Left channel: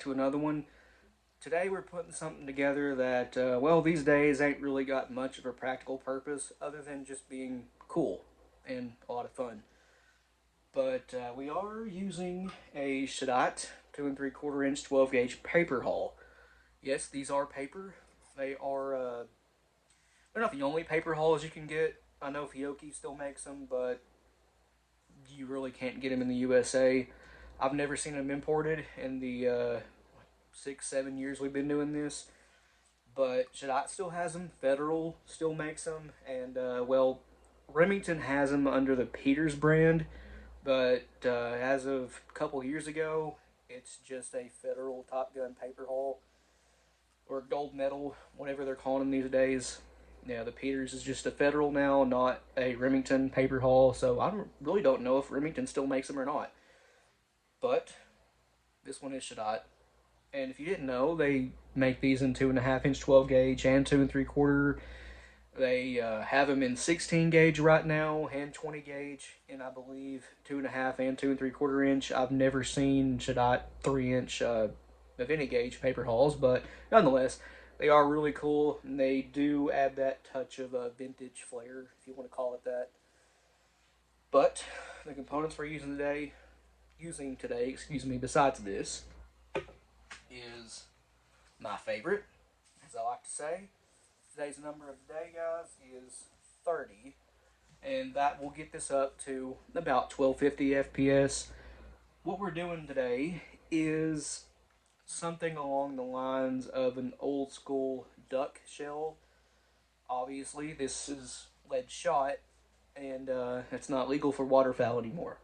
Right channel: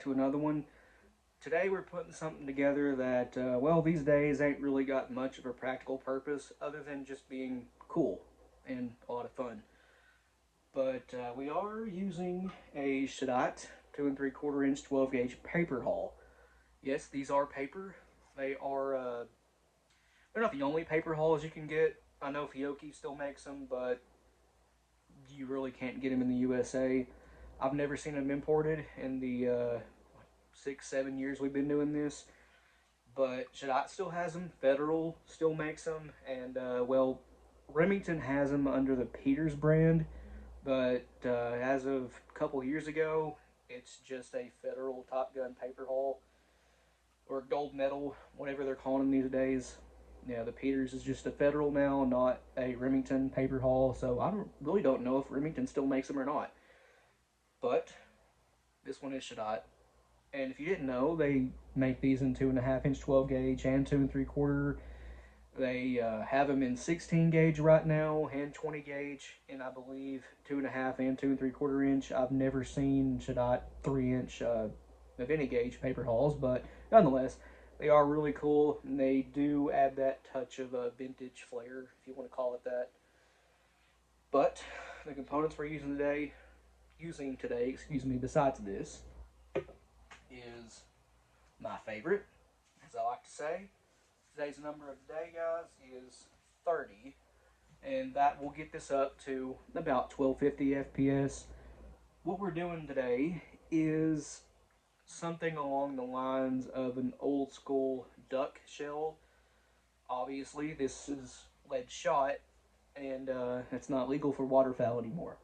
back to another one. Today we're putting something together that, well, these days ain't really got much of a practical purpose other than just being cool and a lot of fun. But we are using a Shadat 2 3/4 inch 12 gauge paper haul. Yes, these are paper. They are, they're not the only paper hauls you can get. I know Fiocchi still makes them, but you really can't get them in the USA. I've never seen them imported in the 6 7 years we've been doing this, but Shadat still has them. Federal still makes them, and well, Remington has them under the Peters brand, but as of a couple years ago, it's just a Federal Top Gun paper haul or gold medal, whatever they're calling them these days. Yeah, the Peters is just a Federal now, not a Remington paper haul. So really don't know if Remington still makes them or not. But this one is Shadat. And if you didn't know, they make these in 2.5 inch 12 gauge and 2 3/4. They have them in 16 gauge right now and 20 gauge, and I believe 2.5 and 2 3/4 inch. I've never seen Shadat 3 inch of any gauge paper hauls, but nonetheless, they are really cool, and they do add that touch of a vintage flair, if you want to call it that. But the components we're using today, besides this, is my favorite, as I like to say. Today's number of the day, guys, is 30, and that will get this up to about 1250 FPS. What we're doing today is something along the lines of an old school duck shell. Obviously, this is lead shot, and it's not legal for waterfowl anymore.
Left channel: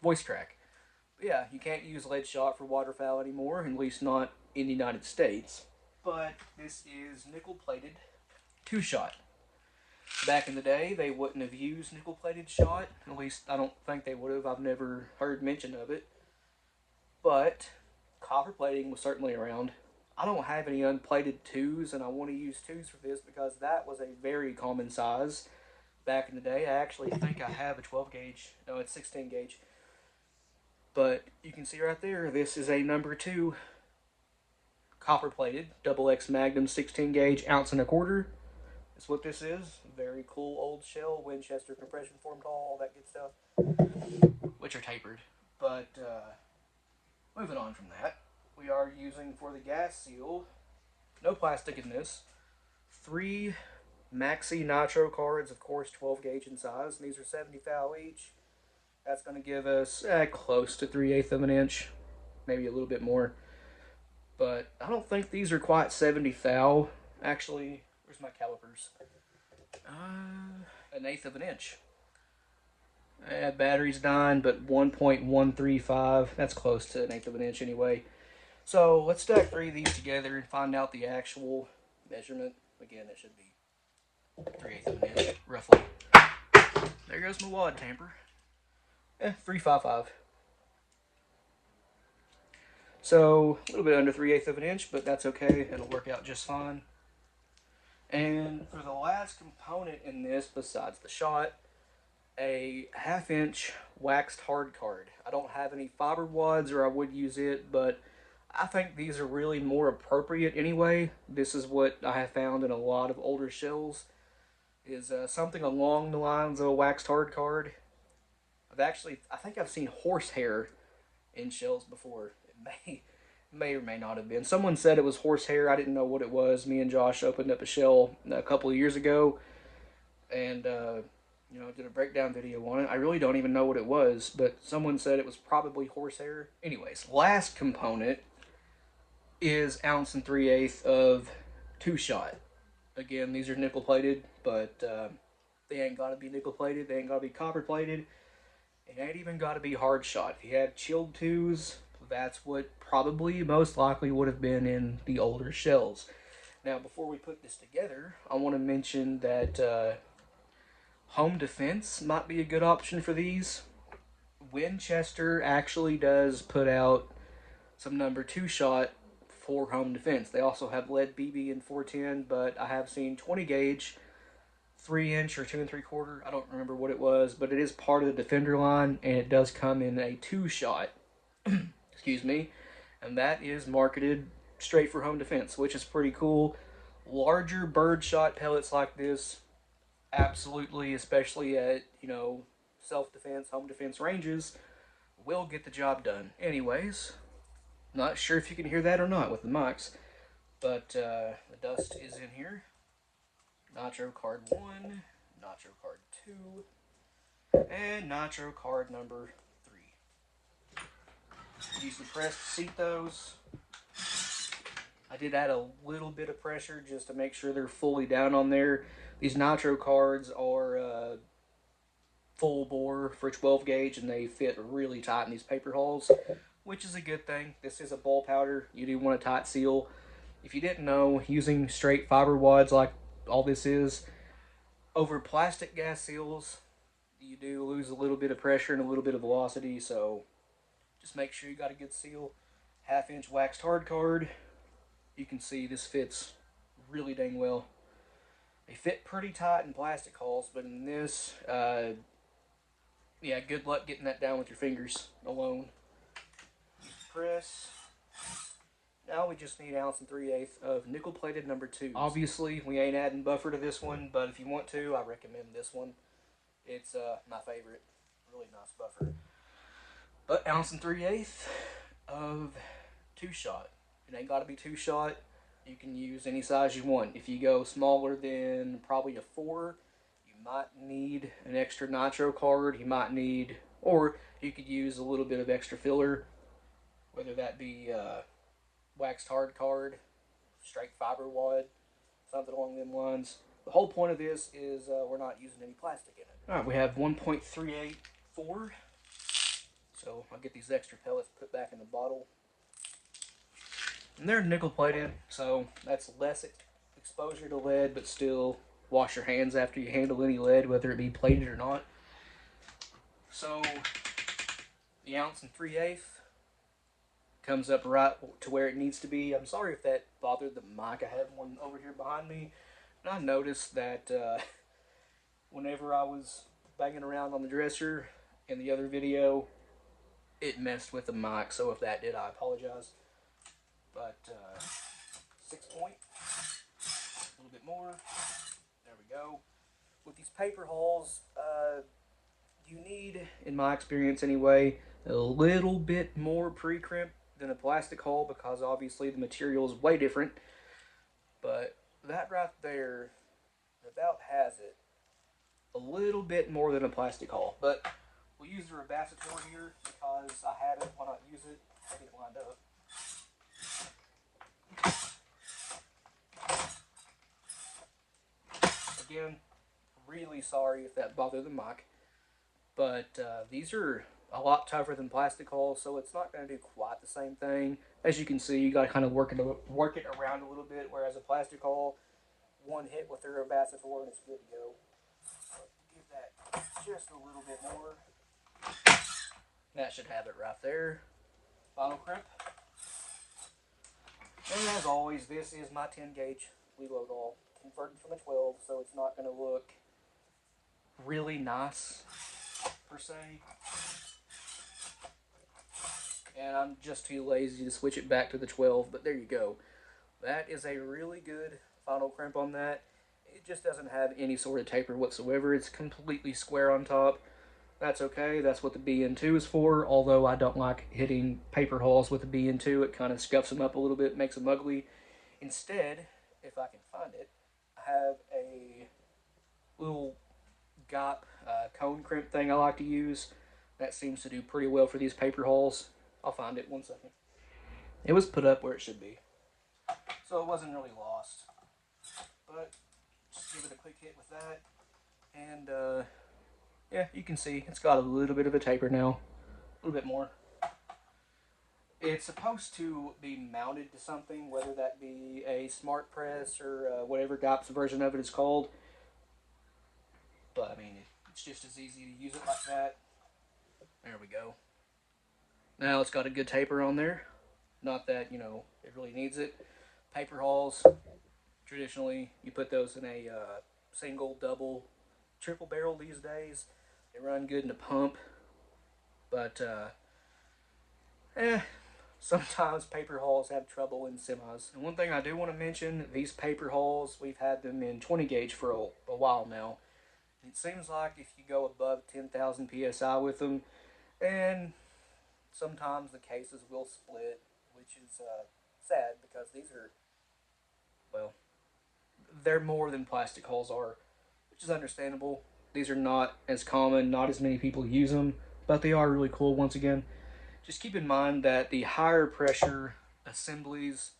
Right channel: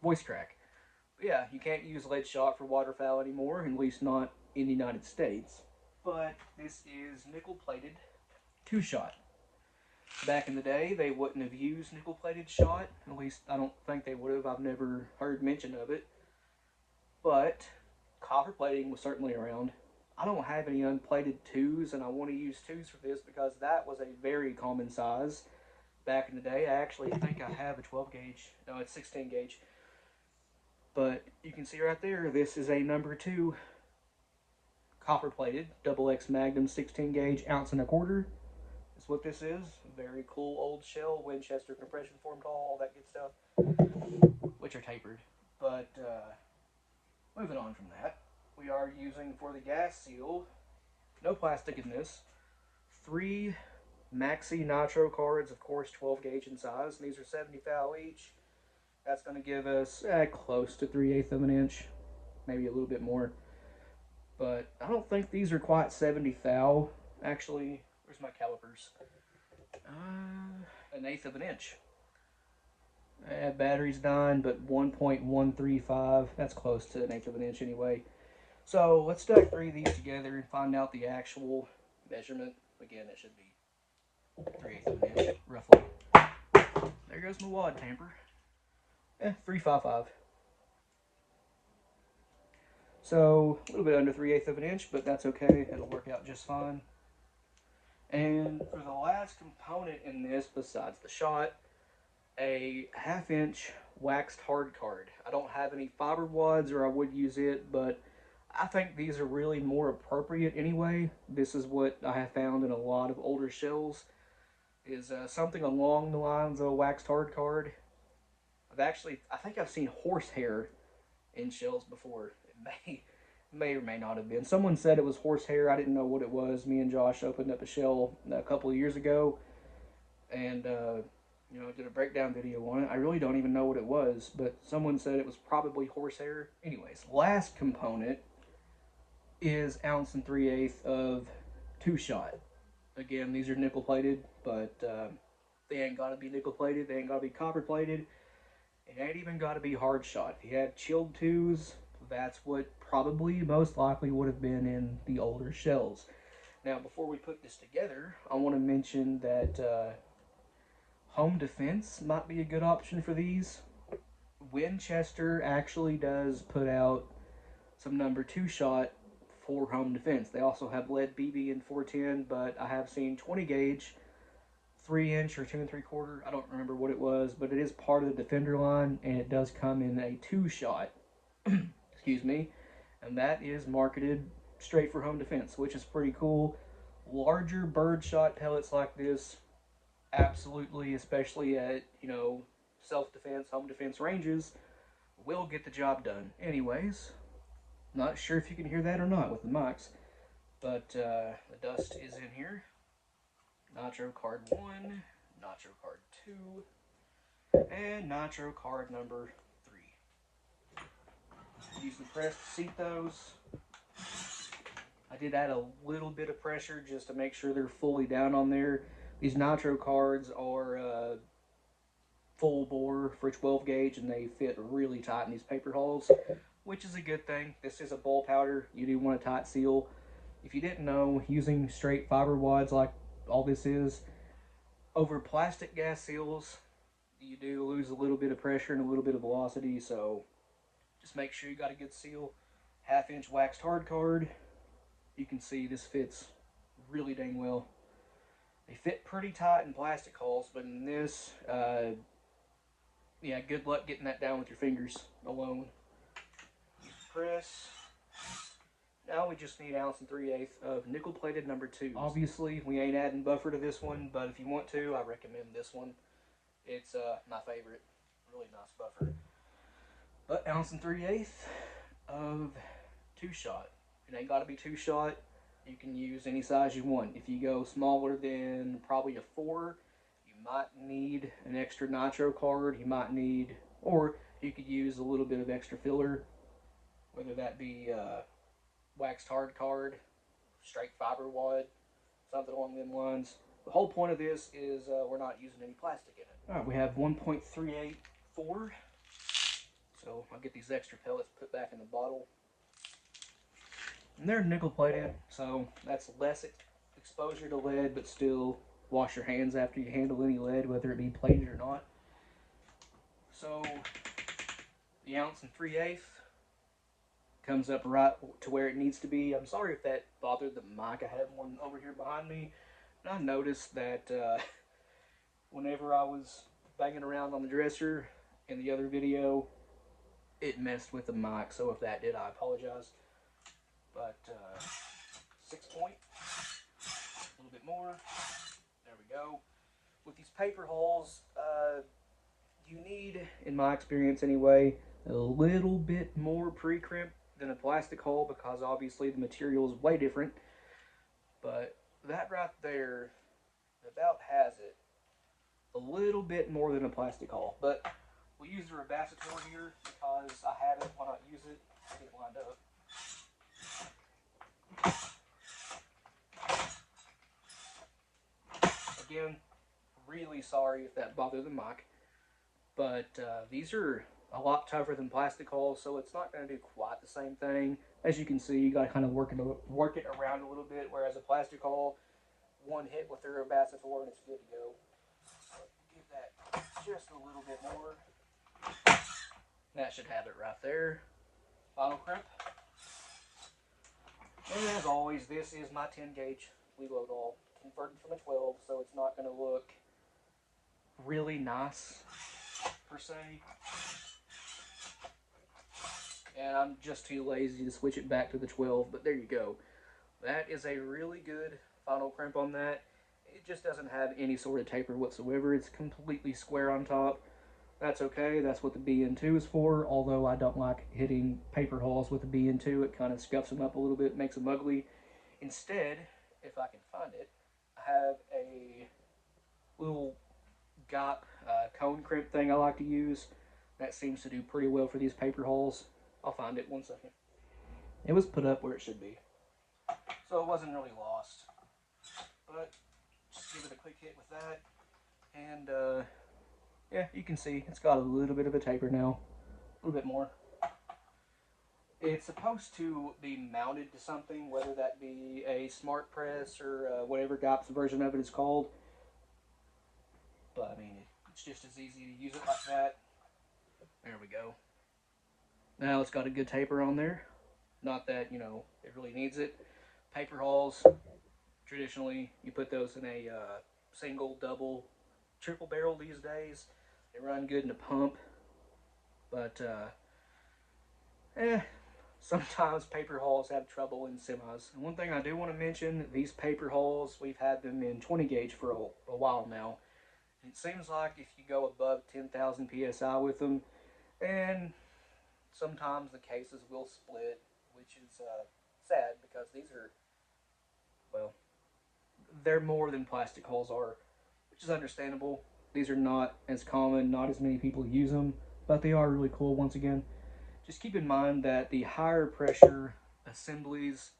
Voice crack. But yeah, you can't use lead shot for waterfowl anymore, at least not in the United States. But this is nickel plated 2-shot. Back in the day, they wouldn't have used nickel plated shot. At least I don't think they would have. I've never heard mention of it. But copper plating was certainly around. I don't have any unplated 2s, and I want to use 2s for this because that was a very common size back in the day. I actually think I have a 12 gauge. No, it's 16 gauge. But you can see right there, this is a number 2 copper plated double X Magnum 16 gauge 1.25 ounce. That's what this is. Very cool old shell, Winchester compression formed hull, all that good stuff, which are tapered. But moving on from that, we are using for the gas seal, no plastic in this, 3 Maxi Nitro cards, of course 12 gauge in size. These are 70 thou each. That's going to give us close to 3/8 of an inch, maybe a little bit more. But I don't think these are quite 70 thou. Actually, where's my calipers? 1/8 of an inch. Battery's dying, but 1.135. That's close to 1/8 of an inch anyway. So let's stack 3 of these together and find out the actual measurement. Again, it should be 3/8 of an inch, roughly. There goes my wad tamper. 355. So a little bit under 3/8 of an inch, but that's okay. It'll work out just fine. And for the last component in this, besides the shot, a 1/2 inch waxed hard card. I don't have any fiber wads, or I would use it, but I think these are really more appropriate anyway. This is what I have found in a lot of older shells, is something along the lines of a waxed hard card. I think I've seen horsehair in shells before. It may or may not have been. Someone said it was horsehair. I didn't know what it was. Me and Josh opened up a shell a couple of years ago, and did a breakdown video on it. I really don't even know what it was, but someone said it was probably horsehair. Anyways, last component is 1 3/8 of 2-shot. Again, these are nickel plated, but they ain't got to be nickel plated. They ain't got to be copper plated. It ain't even got to be hard shot. If you had chilled 2s, that's what probably most likely would have been in the older shells. Now, before we put this together, I want to mention that home defense might be a good option for these. Winchester actually does put out some number 2-shot for home defense. They also have lead BB in 410, but I have seen 20 gauge 3-inch or 2 3/4. I don't remember what it was, but it is part of the Defender line, and it does come in a 2-shot. Excuse me. and that is marketed straight for home defense, which is pretty cool. Larger birdshot pellets like this, absolutely, especially at, self-defense, home defense ranges, will get the job done. Anyways, not sure if you can hear that or not with the mics, but the dust is in here. Nitro card 1, Nitro card 2, and Nitro card number 3. Use the press to seat those. I did add a little bit of pressure just to make sure they're fully down on there. These Nitro cards are full bore for 12 gauge, and they fit really tight in these paper holes, which is a good thing. This is a ball powder. You do want a tight seal. If you didn't know, using straight fiber wads like all this is, over plastic gas seals, you do lose a little bit of pressure and a little bit of velocity, so just make sure you got a good seal. 1/2 inch waxed hard card. You can see this fits really dang well. They fit pretty tight in plastic holes, but in this, yeah, good luck getting that down with your fingers alone. Use the press. Now we just need 1 3/8 of nickel plated number 2. Obviously, we ain't adding buffer to this one, but if you want to, I recommend this one. It's my favorite. Really nice buffer. But 1 3/8 of 2-shot. It ain't got to be 2-shot. You can use any size you want. If you go smaller than probably a 4, you might need an extra nitro card. You might need, or you could use a little bit of extra filler, whether that be waxed hard card, straight fiber wad, something along them lines. The whole point of this is we're not using any plastic in it. Alright, we have 1.384. So I'll get these extra pellets put back in the bottle. And they're nickel plated, so that's less exposure to lead, but still wash your hands after you handle any lead, whether it be plated or not. So the 1 3/8 comes up right to where it needs to be. I'm sorry if that bothered the mic. I have one over here behind me, and I noticed that whenever I was banging around on the dresser in the other video, it messed with the mic. So if that did, I apologize. But 6 point, a little bit more. There we go. With these paper holes, you need, in my experience anyway, a little bit more pre-crimp than a plastic hole, because obviously the material is way different. But that right there about has it. A little bit more than a plastic hole. But we'll use the Rabacitor here because I have it. Why not use it? Get it lined up. Again, really sorry if that bothered the mic, but these are a lot tougher than plastic holes, so it's not going to do quite the same thing. As you can see, you got to kind of work it around a little bit, whereas a plastic hole, one hit with the Rabacitor and it's good to go. So give that just a little bit more. That should have it right there. Final crimp. And as always, this is my 10 gauge Lelo ball, converted from a 12, so it's not going to look really nice, per se. And I'm just too lazy to switch it back to the 12, but there you go. That is a really good final crimp on that. It just doesn't have any sort of taper whatsoever. It's completely square on top. That's okay. That's what the BN2 is for, although I don't like hitting paper holes with the BN2. It kind of scuffs them up a little bit, makes them ugly. Instead, if I can find it, I have a little GOP cone crimp thing I like to use. That seems to do pretty well for these paper holes. I'll find it 1 second. It was put up where it should be, so it wasn't really lost. But just give it a quick hit with that, and yeah, you can see it's got a little bit of a taper now, a little bit more. It's supposed to be mounted to something, whether that be a smart press or whatever GOP's version of it is called. But I mean, it's just as easy to use it like that. There we go. Now it's got a good taper on there. Not that, it really needs it. Paper holes, traditionally, you put those in a single, double, triple barrel these days. They run good in a pump. But, sometimes paper hulls have trouble in semis. And one thing I do want to mention, these paper hulls, we've had them in 20 gauge for a while now. And it seems like if you go above 10,000 psi with them, and sometimes the cases will split, which is sad because these are, well, they're more than plastic hulls are, which is understandable. These are not as common, not as many people use them, but they are really cool once again. Just keep in mind that the higher pressure assemblies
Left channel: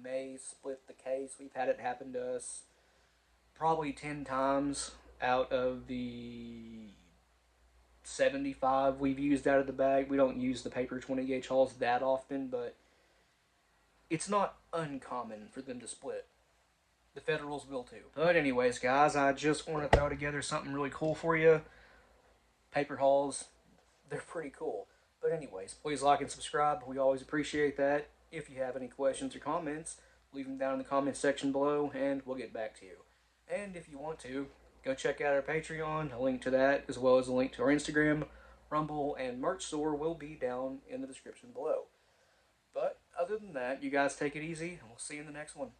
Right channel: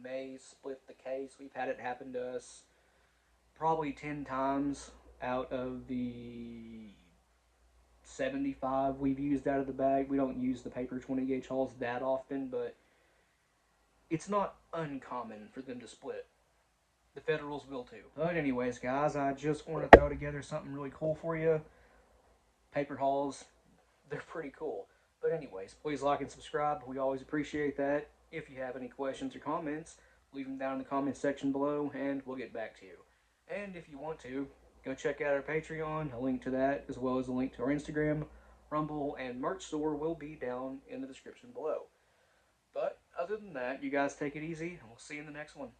may split the case. We've had it happen to us probably 10 times out of the 75 we've used out of the bag. We don't use the paper 20 gauge hulls that often, but it's not uncommon for them to split. The Federals will too. But anyways, guys, I just want to throw together something really cool for you. Paper hulls, they're pretty cool. But anyways, please like and subscribe. We always appreciate that. If you have any questions or comments, leave them down in the comments section below and we'll get back to you. And if you want to, go check out our Patreon. A link to that, as well as a link to our Instagram, Rumble, and merch store will be down in the description below. But other than that, you guys take it easy, and we'll see you in the next one.